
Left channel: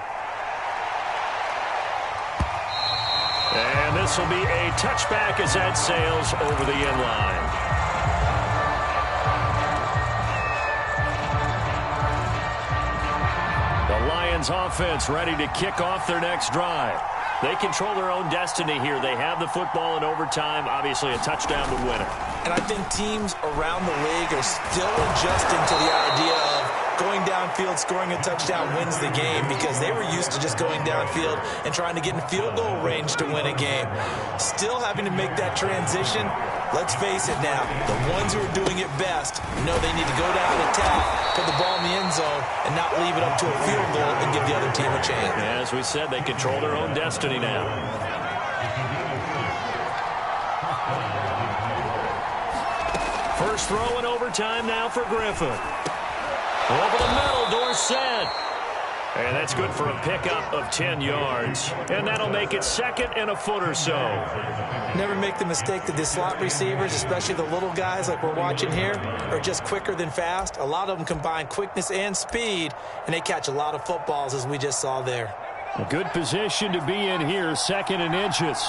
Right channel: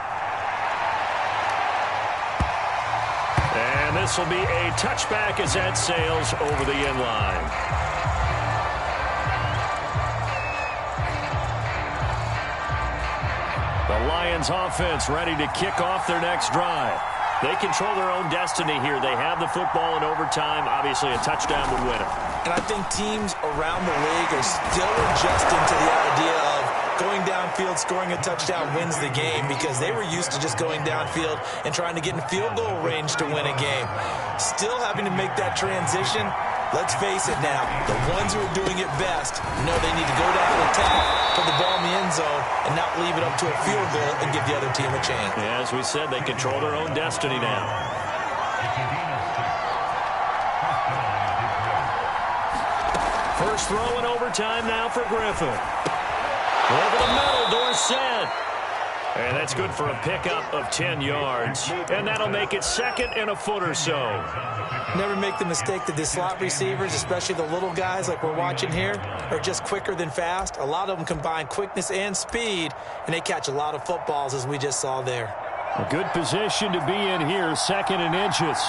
And this will be a touchback as that sails over the end line. The Lions offense ready to kick off their next drive. They control their own destiny here. They have the football in overtime. Obviously, a touchdown would win it. And I think teams around the league are still adjusting to the idea of going downfield, scoring a touchdown wins the game, because they were used to just going downfield and trying to get in field goal range to win a game. Still having to make that transition. Let's face it now, the ones who are doing it best know they need to go down, attack, put the ball in the end zone, and not leave it up to a field goal and give the other team a chance. Yeah, as we said, they control their own destiny now. First throw in overtime now for Griffin. Over the middle, Dorsett. And that's good for a pickup of 10 yards. And that'll make it second and a foot or so. Never make the mistake that the slot receivers, especially the little guys like we're watching here, are just quicker than fast. A lot of them combine quickness and speed, and they catch a lot of footballs, as we just saw there. A good position to be in here, second and inches.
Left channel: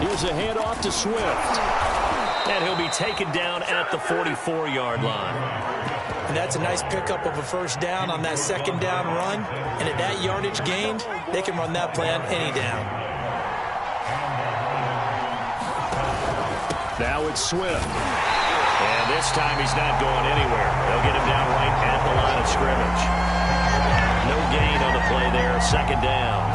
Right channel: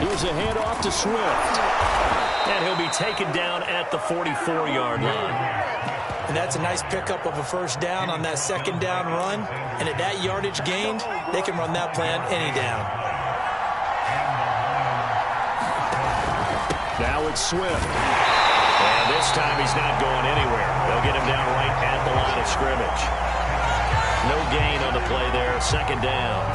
Here's a handoff to Swift. And he'll be taken down at the 44-yard line. And that's a nice pickup of a first down on that second down run. And at that yardage gained, they can run that play on any down. Now it's Swift. And this time he's not going anywhere. They'll get him down right at the line of scrimmage. No gain on the play there, second down.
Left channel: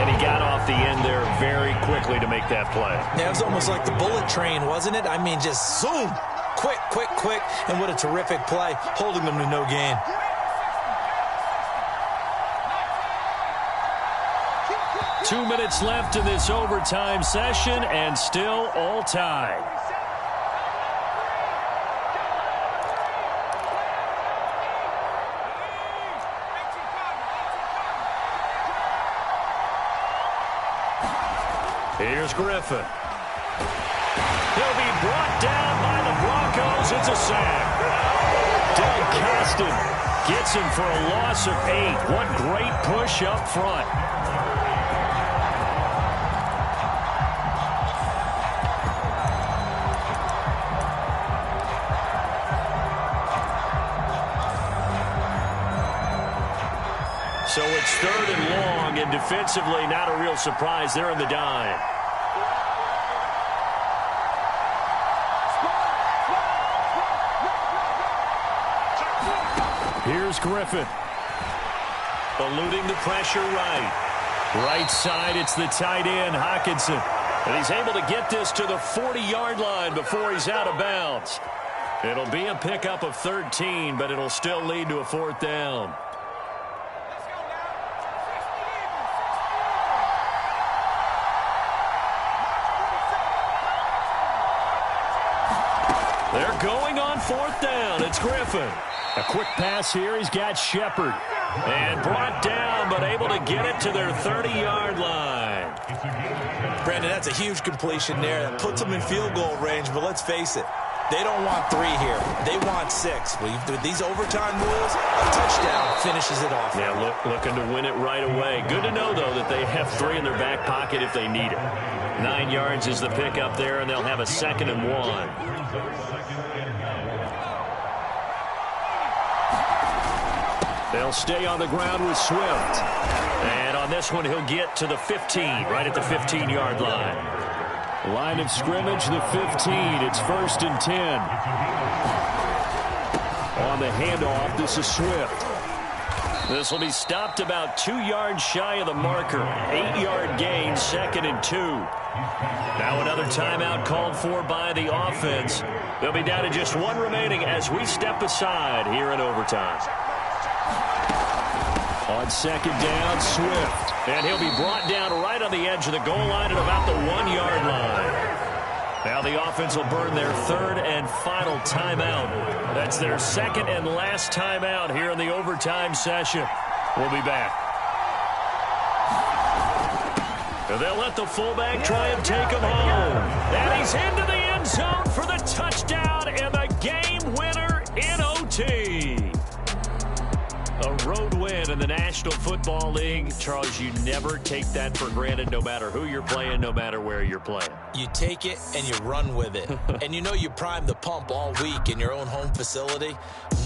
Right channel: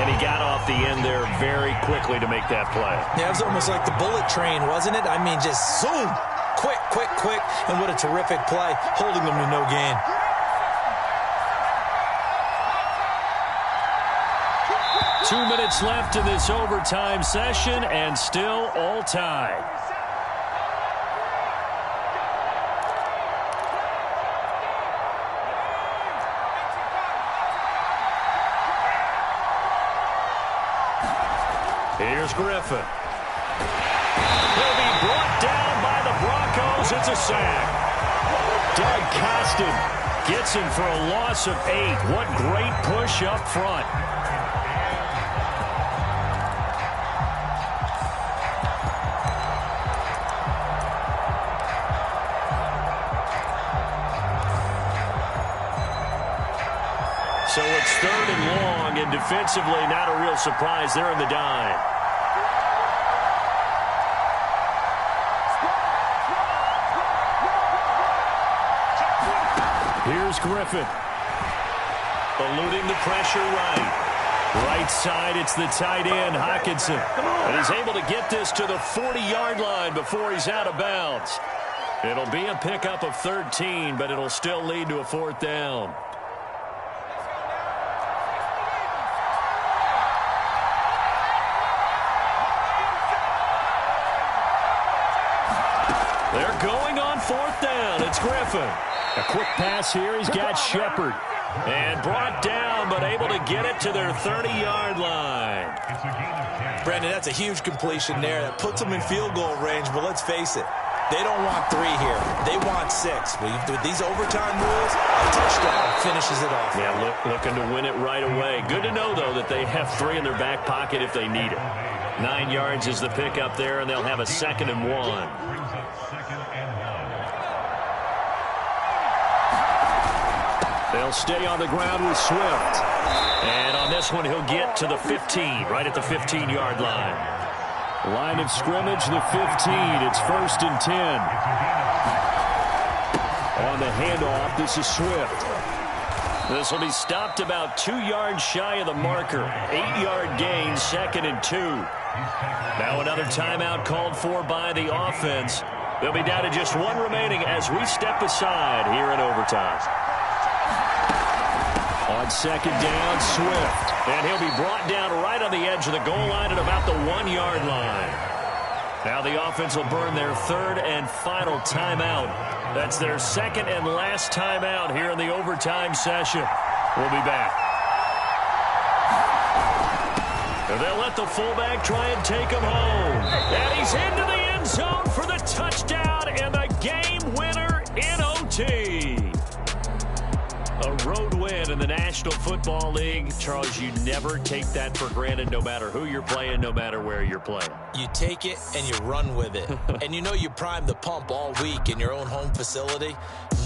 And he got off the end there very quickly to make that play. Yeah, it was almost like the bullet train, wasn't it? I mean, just zoom. Quick, quick, quick. And what a terrific play, holding them to no gain. Two minutes left in this overtime session, and still all tied. Here's Griffin. He'll be brought down by the Broncos. It's a sack. Doug Costin gets him for a loss of 8. What great push up front. So it's third and long, and defensively not a real surprise. They're in the dime. Here's Griffin. Eluding the pressure right. Right side, it's the tight end, Hockenson. And he's able to get this to the 40-yard line before he's out of bounds. It'll be a pickup of 13, but it'll still lead to a fourth down. They're going on fourth down. It's Griffin. A quick pass here. He's got Shepard. And brought down, but able to get it to their 30-yard line. Brandon, that's a huge completion there. That puts them in field goal range, but let's face it. They don't want 3 here. They want 6. With these overtime rules, a touchdown finishes it off. Yeah, looking to win it right away. Good to know, though, that they have 3 in their back pocket if they need it. 9 yards is the pickup there, and they'll have a 2nd and 1. They'll stay on the ground with Swift. And on this one, he'll get to the 15, right at the 15-yard line. Line of scrimmage, the 15. It's 1st and 10. On the handoff, this is Swift. This will be stopped about 2 yards shy of the marker. 8-yard gain, 2nd and 2. Now another timeout called for by the offense. They'll be down to just one remaining as we step aside here in overtime. On 2nd down, Swift. And he'll be brought down right on the edge of the goal line at about the 1-yard line. Now the offense will burn their 3rd and final timeout. That's their 2nd and last timeout here in the overtime session. We'll be back. And they'll let the fullback try and take him home. And he's into the end zone for the touchdown and the game winner in OT. A road win in the National Football League. Charles, you never take that for granted no matter who you're playing, no matter where you're playing. You take it and you run with it. And you know you primed the pump all week in your own home facility.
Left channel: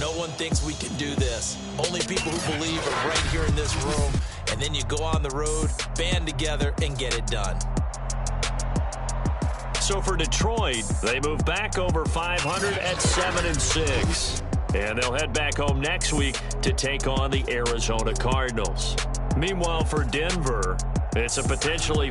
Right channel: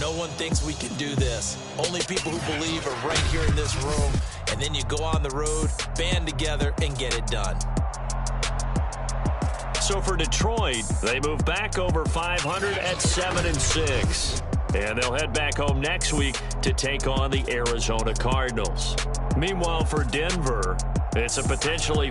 No one thinks we can do this. Only people who believe are right here in this room. And then you go on the road, band together, and get it done. So for Detroit, they move back over 500 at 7-6. And they'll head back home next week to take on the Arizona Cardinals. Meanwhile, for Denver, it's a potentially